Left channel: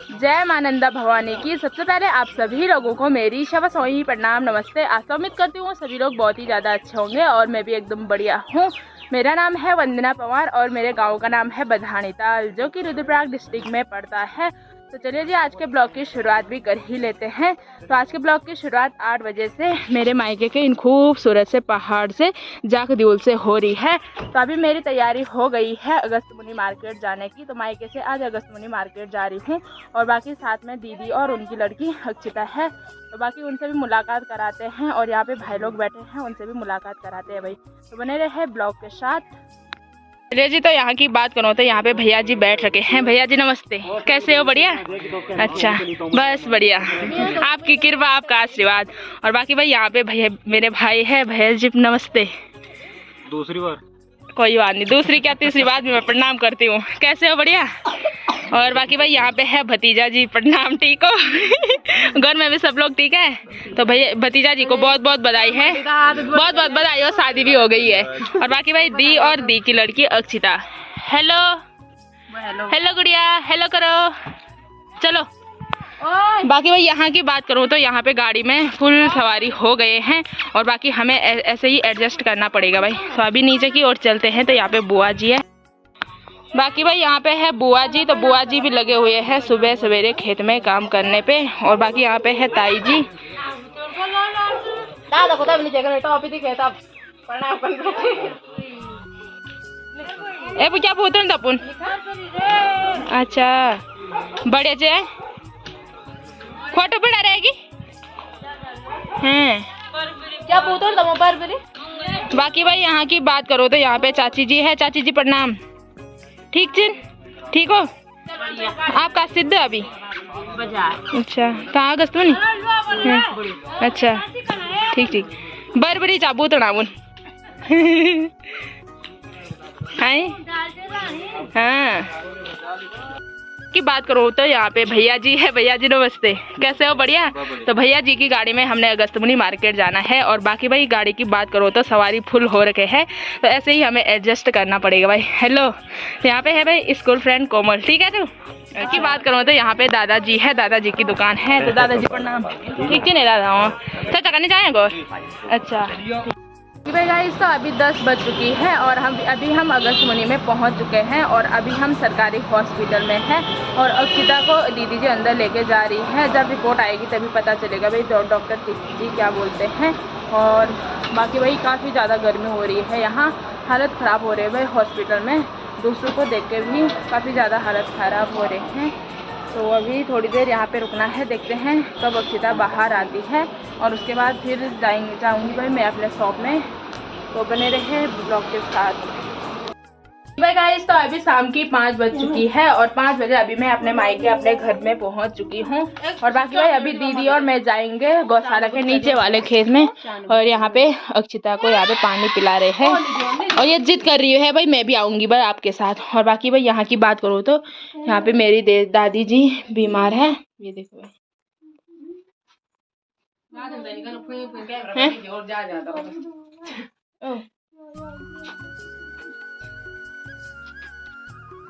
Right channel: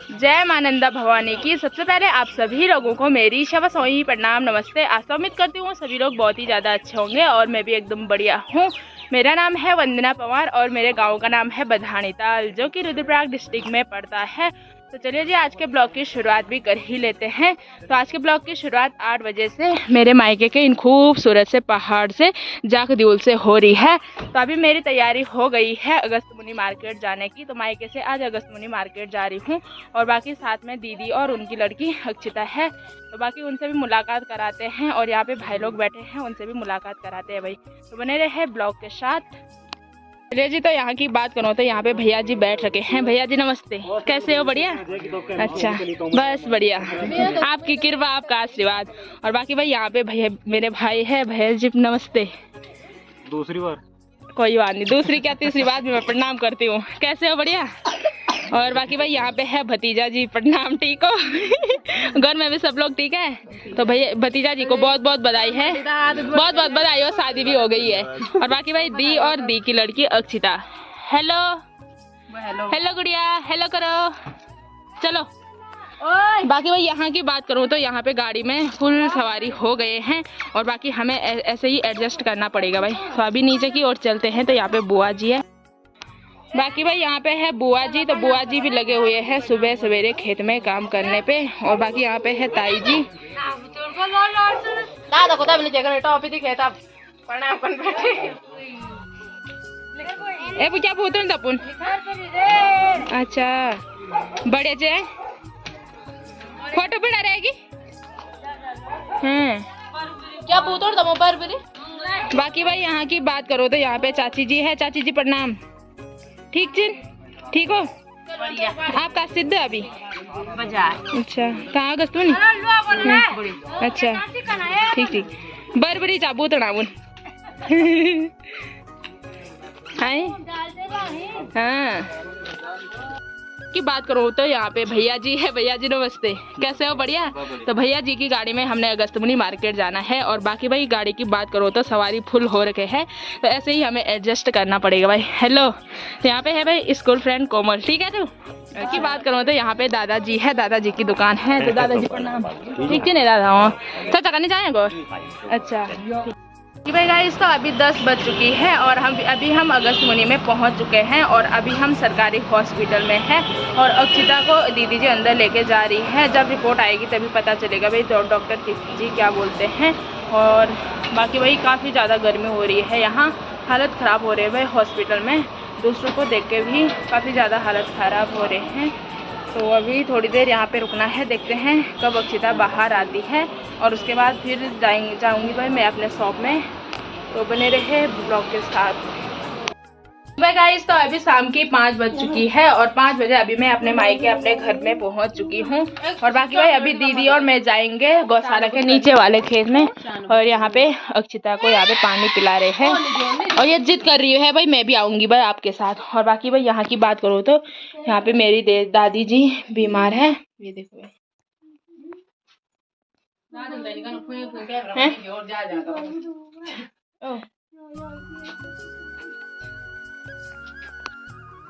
जय मां नंदा भवानी की। सबसे पहले आप सभी लोगों को मेरी शव सोही प्रणाम, नमस्ते। आशा उम्मीद करती हूँ सभी लोग बहुत ही ज़्यादा अच्छे होंगे और मैं भी एकदम बढ़िया हूँ। मेरा नाम है वंदना पवार और मेरे गांव का नाम है बधानी ताल, जो कि रुद्रप्रयाग डिस्ट्रिक्ट में पड़ता है। तो चलिए जी, आज के ब्लॉग की शुरुआत भी कर ही लेते हैं। तो आज के ब्लॉग की शुरुआत 8 बजे से मेरे मायके के इन खूबसूरत से पहाड़ से जाखदूल से हो रही है। तो अभी मेरी तैयारी हो गई है अगस्त मुनि मार्केट जाने की। तो मायके से आज अगस्त मुनि मार्केट जा रही हूँ और बाकी साथ में दीदी और उनकी लड़की अक्षिता है। तो बाकी उनसे भी मुलाकात कराते हैं और यहाँ पे भाई लोग बैठे हैं, उनसे भी मुलाकात कराते हैं भाई। तो बने रहे ब्लॉग के साथ। चलिए जी, तो यहाँ की बात करो तो यहाँ पे भैया जी बैठ रखे हैं। भैया जी नमस्ते, कैसे हो? बढ़िया। अच्छा, बस बढ़िया, आपकी कृपा, आपका आशीर्वाद। और बाकी भाई यहाँ पे भैया मेरे भाई है। भैया जी नमस्ते। दूसरी बार कोई बात नहीं, दूसरी क्या तीसरी बात भी मैं प्रणाम करती हूँ। कैसे हो? बढ़िया। और बाकी भाई यहाँ पे है भतीजा जी, प्रणाम। ठीक हो? घर में भी सब लोग ठीक है? तो भैया भतीजा जी को बहुत बहुत बधाई है, बहुत बहुत बधाई, और शादी भी हो गई है। और बाकी भाई दी और दी की लड़की अक्षिता। हेलो हेलो गुड़िया, हेलो करो, चलो। बाकी भाई यहाँ की बात करूँ तो यहाँ पे गाड़ी में फुल सवारी हो गए हैं और बाकी हमें ऐसे ही एडजस्ट करना पड़ेगा भाई। तो अभी नीचे की ओर चलते हैं। तो यहाँ पे बुआ जी है। बाकी भाई यहाँ पे है बुआ जी। तो बुआ जी भी लगे हुए हैं सुबह सवेरे खेत में काम करने पे। और बाकी यहाँ पे है ताई जी। क्या बोलते तपुन? अच्छा, बड़े जे फोटो बना रहेगी हैं क्या बोलते? बाकी भाई यहाँ की बात करो तो यहाँ पे चाची जी है। चाची जी प्रणाम। ठीक चिन, ठीक हो? आपका सिद्ध अभी बाजार। अच्छा, कहाँ अगस्त में? अच्छा, ठीक ठीक। बड़ी चाबू तड़ावन हाँ की बात करो तो यहाँ पे भैया जी है। भैया जी नमस्ते, कैसे हो? बढ़िया। तो भैया जी की गाड़ी में हमने अगस्त मुनि मार्केट जाना है। और बाकी भाई गाड़ी की बात करो तो सवारी फुल हो रखे हैं, तो ऐसे ही हमें एडजस्ट करना पड़ेगा भाई। हेलो, तो यहाँ पे है भाई स्कूल फ्रेंड कोमल। ठीक है। तो की बात करो तो यहाँ पे दादाजी है, दादाजी की दुकान है। तो दादाजी प्रणाम। ठीक ही नहीं दादा हूँ, चाचा करने जाएगा। अच्छा कि भाई गाइस, तो अभी 10 बज चुकी है और हम अगस्त मुनि में पहुंच चुके हैं। और अभी हम सरकारी हॉस्पिटल में हैं और अक्षिता को दीदी जी अंदर लेके जा रही है। जब रिपोर्ट आएगी तभी पता चलेगा भाई डॉक्टर जी क्या बोलते हैं। और बाकी भाई काफ़ी ज़्यादा गर्मी हो रही है, यहाँ हालत ख़राब हो रही है भाई हॉस्पिटल में। दूसरों को देख के भी काफ़ी ज़्यादा हालत ख़राब हो रहे हैं। तो अभी थोड़ी देर यहाँ पे रुकना है, देखते हैं कब अक्षिता बाहर आती है और उसके बाद फिर जाऊँगी भाई मैं अपने शॉप में। तो बने रहे ब्लॉग के साथ भाई गाइस। तो अभी शाम की 5 बज चुकी है और 5 बजे अभी मैं अपने मायके अपने घर में पहुँच चुकी हूँ। और बाकी भाई अभी दीदी और मैं जाएंगे गौशाला के नीचे वाले खेत में। और यहाँ पे अक्षिता को यहाँ पे पानी पिला रहे हैं और ये जिद कर रही है भाई मैं भी आऊँगी भाई आपके साथ। और बाकी भाई यहाँ की बात करो तो यहाँ पे मेरी दादी जी बीमार है। ये देखो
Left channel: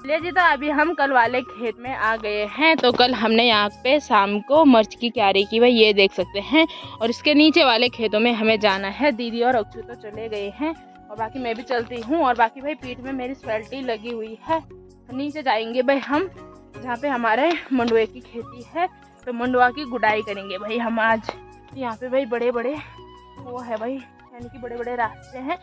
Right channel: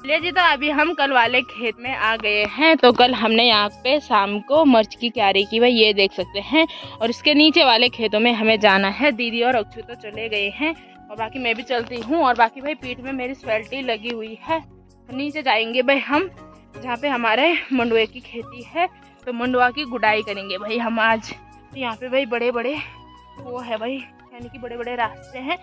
ले जी। तो अभी हम कल वाले खेत में आ गए हैं। तो कल हमने यहाँ पे शाम को मिर्च की क्यारी की भाई, ये देख सकते हैं। और इसके नीचे वाले खेतों में हमें जाना है। दीदी और अक्षु तो चले गए हैं और बाकी मैं भी चलती हूँ। और बाकी भाई पीठ में मेरी स्वेल्टी लगी हुई है। तो नीचे जाएंगे भाई हम, जहाँ पे हमारे मंडुए की खेती है। तो मंडुआ की गुड़ाई करेंगे भाई हम आज। तो यहाँ पे भाई बड़े बड़े वो है भाई, यानी कि बड़े बड़े रास्ते हैं।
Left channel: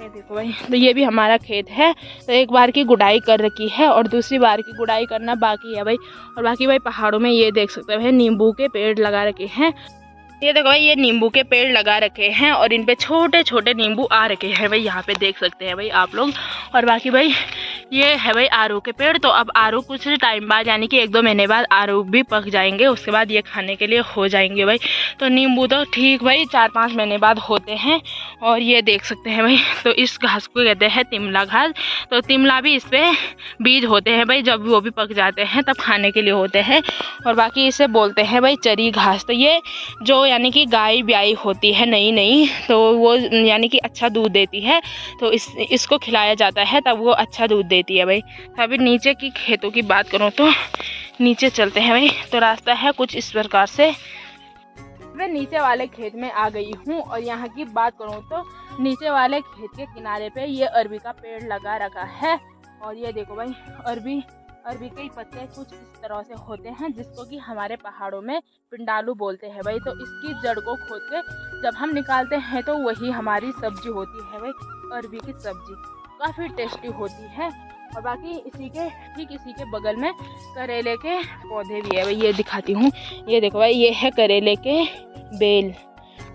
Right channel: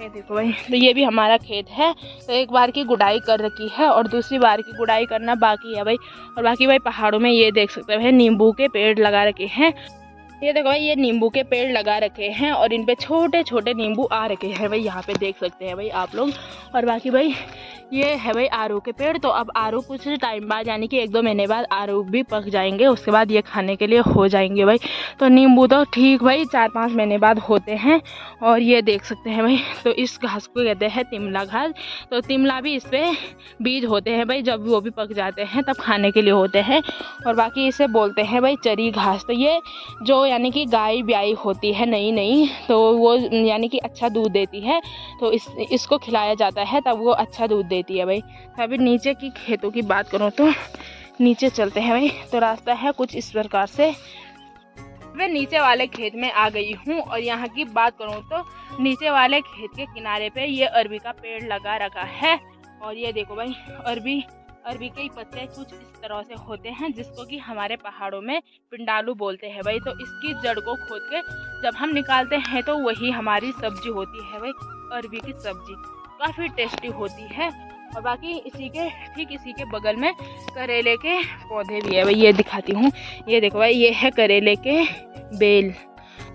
ये देखो भाई, तो ये भी हमारा खेत है। तो एक बार की गुड़ाई कर रखी है और दूसरी बार की गुड़ाई करना बाकी है भाई। और बाकी भाई पहाड़ों में ये देख सकते हैं नींबू के पेड़ लगा रखे हैं। ये देखो भाई, ये नींबू के पेड़ लगा रखे हैं और इन पे छोटे छोटे नींबू आ रखे हैं भाई, यहाँ पे देख सकते हैं भाई आप लोग। और बाकी भाई ये है भाई आरू के पेड़। तो अब आरू कुछ टाइम बाद यानी कि 1-2 महीने बाद आरू भी पक जाएंगे, उसके बाद ये खाने के लिए हो जाएंगे भाई। तो नींबू तो ठीक भाई 4-5 महीने बाद होते हैं। और ये देख सकते हैं भाई, तो इस घास को कहते हैं तिमला घास। तो तिमला भी इस पर बीज होते हैं भाई, जब वो भी पक जाते हैं तब खाने के लिए होते हैं। और बाकी इसे बोलते हैं भाई चरी घास। तो ये जो यानी कि गाय ब्याई होती है नई, तो वो यानी कि अच्छा दूध देती है। तो इसको खिलाया जाता है तब वो अच्छा दूध देती है भाई। तो अभी नीचे की खेतों की बात करूँ तो नीचे चलते हैं भाई। तो रास्ता है कुछ इस प्रकार से। मैं नीचे वाले खेत में आ गई हूँ और यहाँ की बात करूँ तो नीचे वाले खेत के किनारे पे ये अरबी का पेड़ लगा रखा है। और ये देखो भाई, अरबी के पत्ते कुछ इस तरह से होते हैं जिसको कि हमारे पहाड़ों में पिंडालू बोलते हैं भाई। तो इसकी जड़ को खोद के जब हम निकालते हैं तो वही हमारी सब्जी होती है भाई, अरबी की सब्जी काफ़ी टेस्टी होती है। और बाकी ठीक इसी के बगल में करेले के पौधे भी है भाई, ये दिखाती हूँ। ये देखो भाई, ये है करेले के बेल।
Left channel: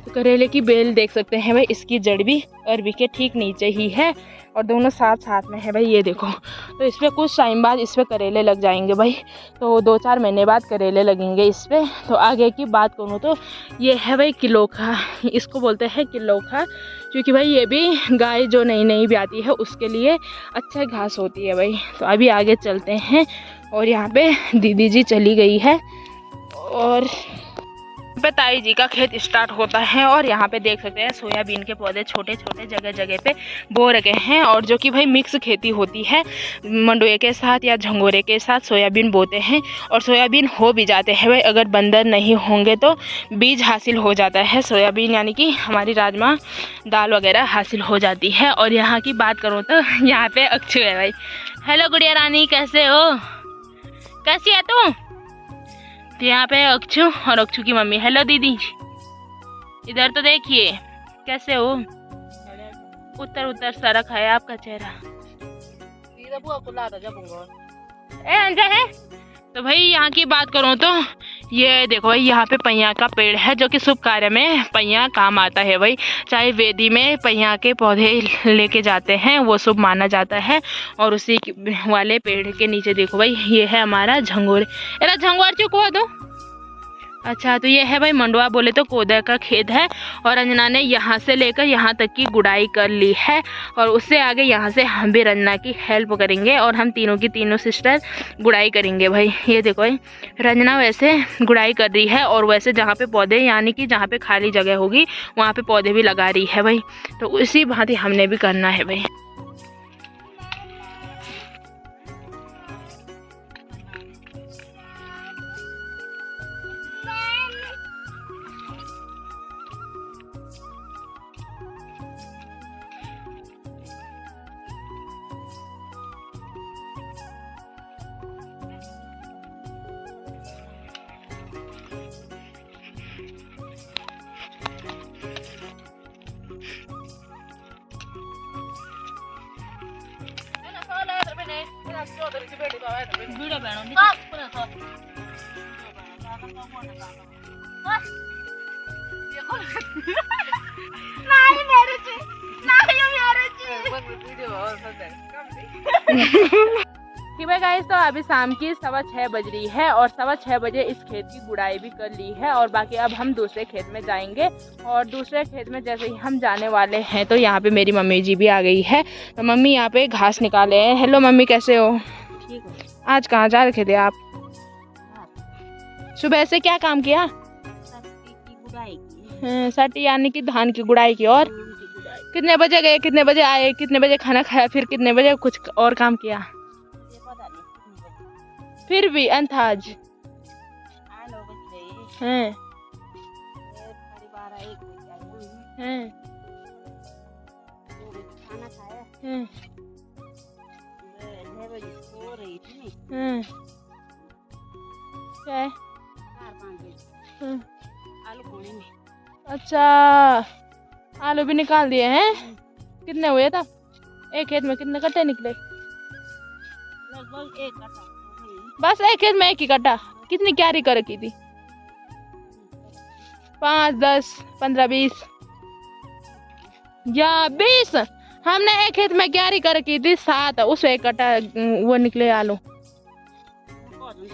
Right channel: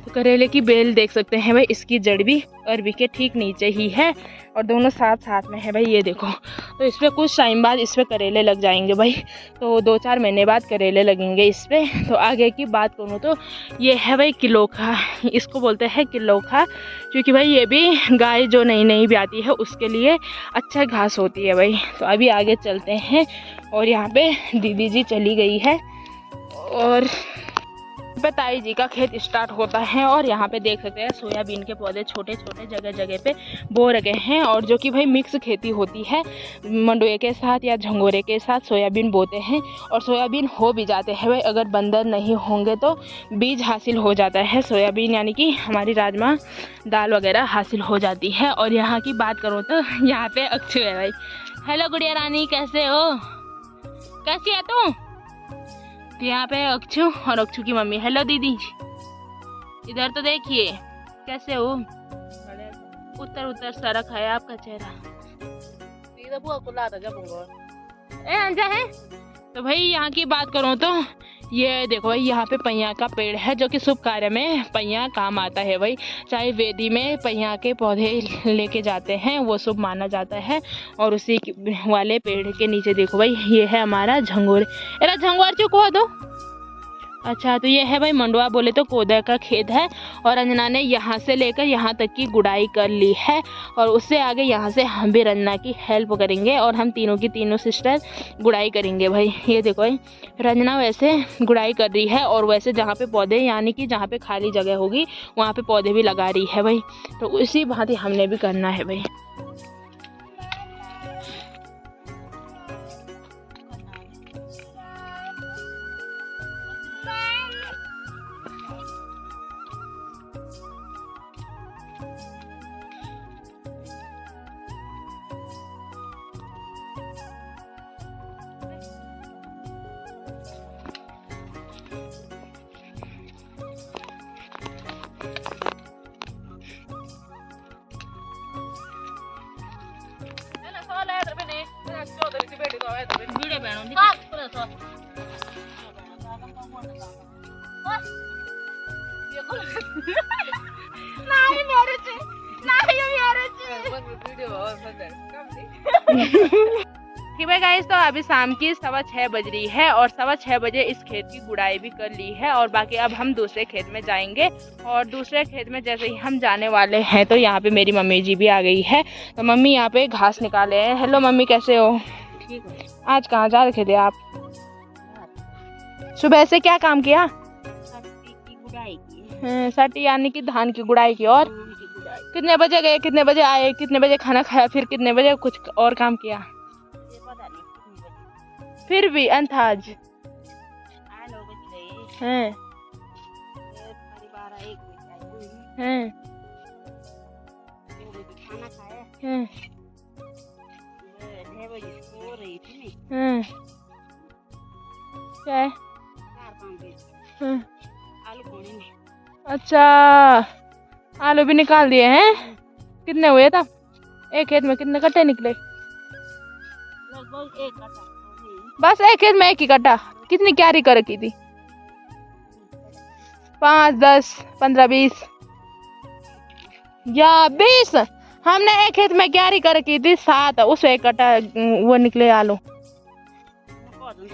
तो करेले की बेल देख सकते हैं भाई, इसकी जड़ भी अरबी के ठीक नीचे ही है और दोनों साथ साथ में है भाई। ये देखो, तो इस पर कुछ टाइम बाद इस पर करेले लग जाएंगे भाई। तो 2-4 महीने बाद करेले लगेंगे इस पर। तो आगे की बात करूँ तो ये है भाई किलोखा, इसको बोलते हैं किलोखा, क्योंकि भाई ये भी गाय जो नई भी आती है उसके लिए अच्छा घास होती है भाई। तो अभी आगे चलते हैं और यहाँ पे दीदी जी चली गई है और पे ताई जी का खेत स्टार्ट होता है। और यहाँ पे देख सकते हैं सोयाबीन के पौधे छोटे छोटे जगह पे बो रखे हैं, और जो कि भाई मिक्स खेती होती है, मंडुए के साथ या झंगोरे के साथ सोयाबीन बोते हैं और सोयाबीन हो भी जाते हैं भाई। अगर बंदर नहीं होंगे तो बीज हासिल हो जाता है सोयाबीन, यानी कि हमारी राजमा दाल वगैरह हासिल हो जाती है। और यहाँ की बात करूँ तो यहाँ पे अक्षु है भाई। हेलो गुड़िया रानी, कैसे हो? कैसी है तू? तो यहाँ पे अक्षु और अक्षु की मम्मी। हेलो दीदी, इधर तो देखिए, कैसे हो? उतर सरक है आपका चेहरा। ए अंजा है। तो भाई यहाँ की बात करूँ तो ये देखो भाई, यहाँ पे पहिया का पेड़ है जो कि शुभ कार्य में पहिया काम आता है भाई। चाहे वेदी में पहिया के पौधे लेके जाते हैं वो शुभ माना जाता है। और उसी वाले पेड़ के नीचे देखो भाई, ये है हमारा झंगोर। अरे झंगोर चुकवा दो। अच्छा, तो ये है भाई मंडुआ बोले तो कोदा का खेत है। और रंजना ने यहाँ से लेकर यहाँ तक की गुड़ाई कर ली है और उससे आगे यहाँ से हम भी रंजना की हेल्प करेंगे और हम तीनों की तीनों सिस्टर गुड़ाई करेंगे भाई। ये देखो भाई, रंजना वैसे गुड़ाई कर रही है और वैसे जहाँ पे पौधे, यानी कि जहाँ पे खाली जगह होगी वहाँ पे पौधे भी लगा रही है भाई। तो उसी भांति हमने भी करना है भाई। कि भाई गाइस, तो अभी शाम की 6:15 बज रही है और 6:15 बजे इस खेत की गुड़ाई भी कर ली है। और बाकी अब हम दूसरे खेत में जाएंगे और दूसरे खेत में जैसे ही हम जाने वाले हैं तो यहाँ पे मेरी मम्मी जी भी आ गई है। तो मम्मी यहाँ पे घास निकाले हैं। हेलो मम्मी, कैसे हो? ठीक है। आज कहाँ जा रखे थे आप? सुबह से क्या काम किया? की गुड़ाई की। सटी यानी कि धान की गुड़ाई की। और कितने बजे गए, कितने बजे आए, कितने बजे खाना खाया, फिर कितने बजे कुछ और काम किया? पता नहीं कितने बजे। फिर भी अंदाज? 9 बज गए। हैं फिर 12-1 बजे आए। हैं 2 बजे खाना खाया। हैं 6 बजे सो रही थी नहीं। क्या है? 4-5 बजे आलू खोने में। अच्छा, आलू भी निकाल दिए हैं। कितने हुए तब? एक खेत में कितने कट्टे निकले? लगभग 1 कट्टा। बस एक खेत में 1 ही कट्टा? कितनी क्यारी कर रखी थी? 5, 10, 15, 20 या 20? हमने एक खेत में क्यारी कर रखी थी 7, उस 1 कट्टा वो निकले आलू।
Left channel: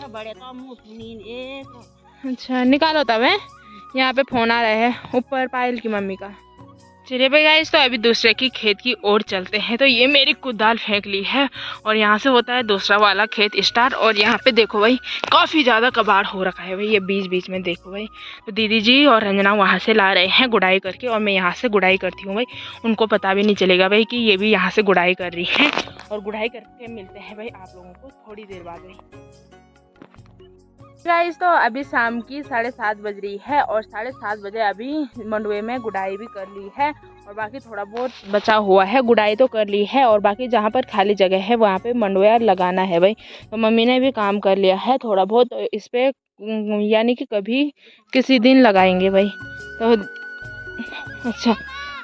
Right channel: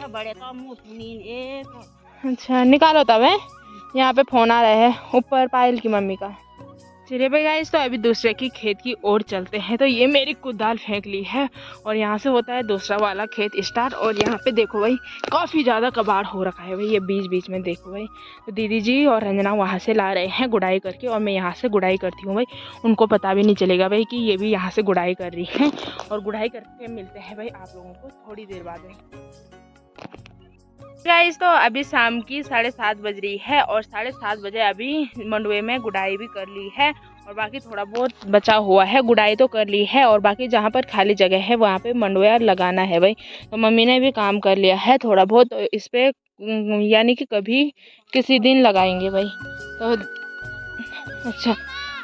बड़े तो मुँह सुनीन एक। अच्छा, निकालो तब है। यहाँ पे फोन आ रहा है ऊपर पायल की मम्मी का। चलिए भाई गाइस, तो अभी दूसरे की खेत की ओर चलते हैं। तो ये मेरी कुदाल फेंक ली है और यहाँ से होता है दूसरा वाला खेत स्टार्ट। और यहाँ पे देखो भाई, काफ़ी ज़्यादा कबाड़ हो रखा है भाई, ये बीच में देखो भाई। तो दीदी जी और रंजना वहाँ से ला रहे हैं गुड़ाई करके और मैं यहाँ से गुड़ाई करती हूँ भाई। उनको पता भी नहीं चलेगा भाई कि ये भी यहाँ से गुड़ाई कर रही है। और गुड़ाई करके मिलते हैं भाई आप लोगों को थोड़ी देर बाद भाई। गाइस तो अभी शाम की 7:30 बज रही है और 7:30 बजे अभी मंडुए में गुड़ाई भी कर ली है और बाकी थोड़ा बहुत बचा हुआ है। गुड़ाई तो कर ली है और बाकी जहाँ पर खाली जगह है वहाँ पे मंडुआ लगाना है भाई। तो मम्मी ने भी काम कर लिया है थोड़ा बहुत इस पे, यानी कि कभी किसी दिन लगाएंगे भाई। तो अच्छा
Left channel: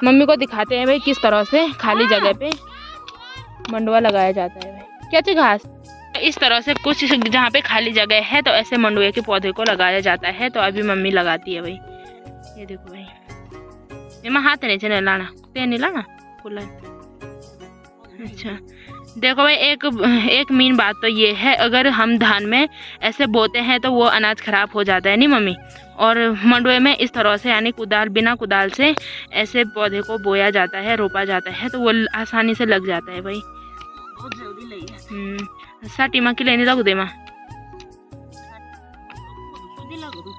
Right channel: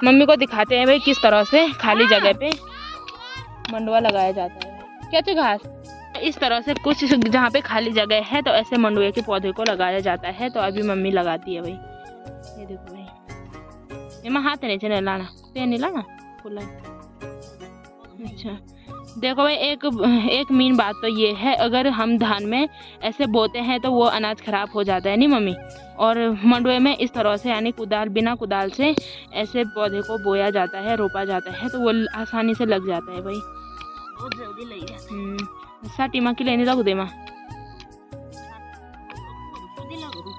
मम्मी को दिखाते हैं भाई किस तरह से खाली जगह पे मंडुआ लगाया जाता है भाई। क्या चाहिए घास? इस तरह से कुछ जहाँ पे खाली जगह है तो ऐसे मंडुए के पौधे को लगाया जाता है। तो अभी मम्मी लगाती है भाई। ये देखो भाई, ये हाथ नीचे नहीं लाना, पे नहीं लाना खुला। अच्छा देखो भाई, एक मेन बात तो ये है, अगर हम धान में ऐसे बोते हैं तो वो अनाज खराब हो जाता है नहीं मम्मी। और मंडुए में इस तरह से यानी बिना कुदाल से ऐसे पौधे को बोया जाता है, रोपा जाता है, तो वो आसानी से लग जाता है भाई। बहुत जल्दी लग जाता है। साटी माँ की लेने लगू दे माँ। जल्दी लगो तो।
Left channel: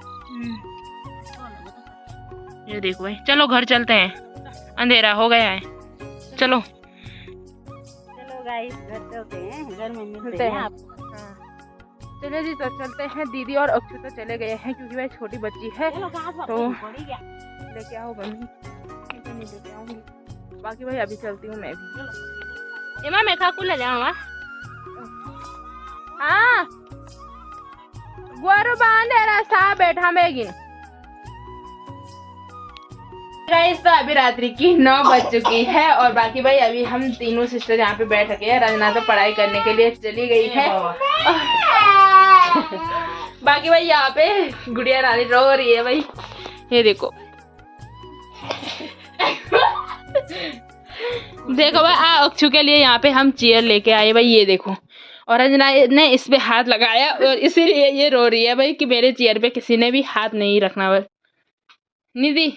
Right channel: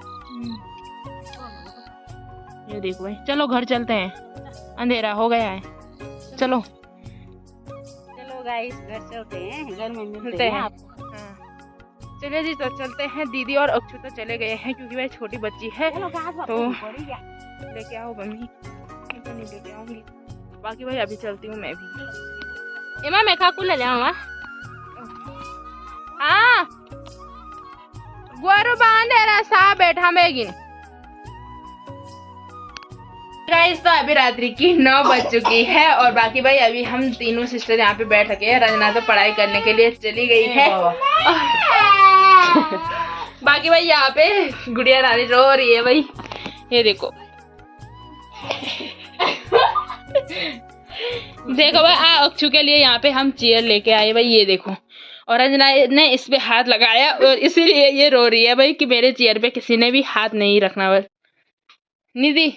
ये देखो भाई, चलो घर चलते हैं, अंधेरा हो गया है। चलो चलो गाइस घर चलते हैं, घर में मिलते मिलते हैं हैं। आपको। हाँ चलिए जी, तो चलते हैं। दीदी और अक्षु तो चले गए हैं क्योंकि भाई छोटी बच्ची है। चलो घास तो तो पड़ी गया। लेके आओ मम्मी, मैं तो नहीं लेके आऊंगी। बाकी भाई अभी चलती हूँ मैं भी। इमा मैं खा को ले जाऊंगा। हाँ गुरु बांधे रास्ता बैठा मेगिन। गाइस तो अभी रात्रि की 9 बज चुकी है और बाकी भाई अभी हम तीनों सिस्टर यहाँ पे बैठ रखे हैं। रंजना तो पढ़ाई करने के लिए चली गई है। बाकी भाई यहाँ पे गुड़िया रानी रो रही है भाई, ये देखो। देखो भाई अक्षु के लिए यहाँ पे हम चेयर लेके आए भाई, ये देखो। और रंजना ने इस पे हाथ लगाया और इसीलिए ये रो रही है भाई कि मेरे चेयर पे किसी ने भी हाथ नहीं रखना। बस निधि,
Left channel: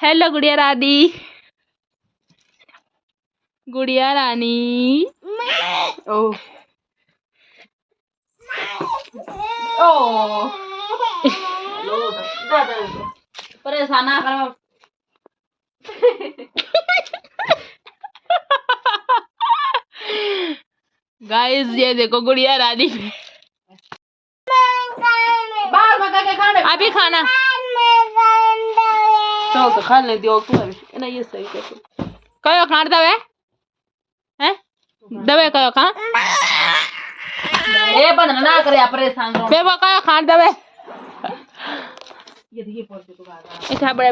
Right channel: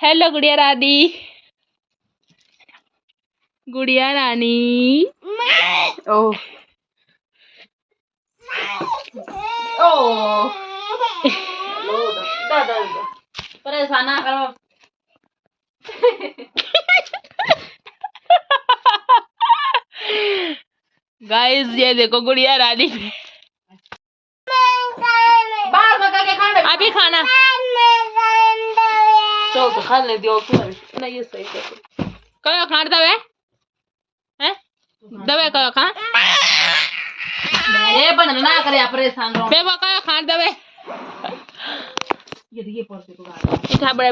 हेलो गुड़िया रानी, गुड़िया रानी। ओ ओ दादा परेशान ना करो। गाइस ये देखो गुड़िया रानी अभी खाना तो खा ले दियो तू ना, ये सही कर। कयो खान दवे हैं, दवे कयो खा ए बंद ना करे, परेशान रहो। बे वो कयो खान दवे ये पड़ते तो इठा बड़े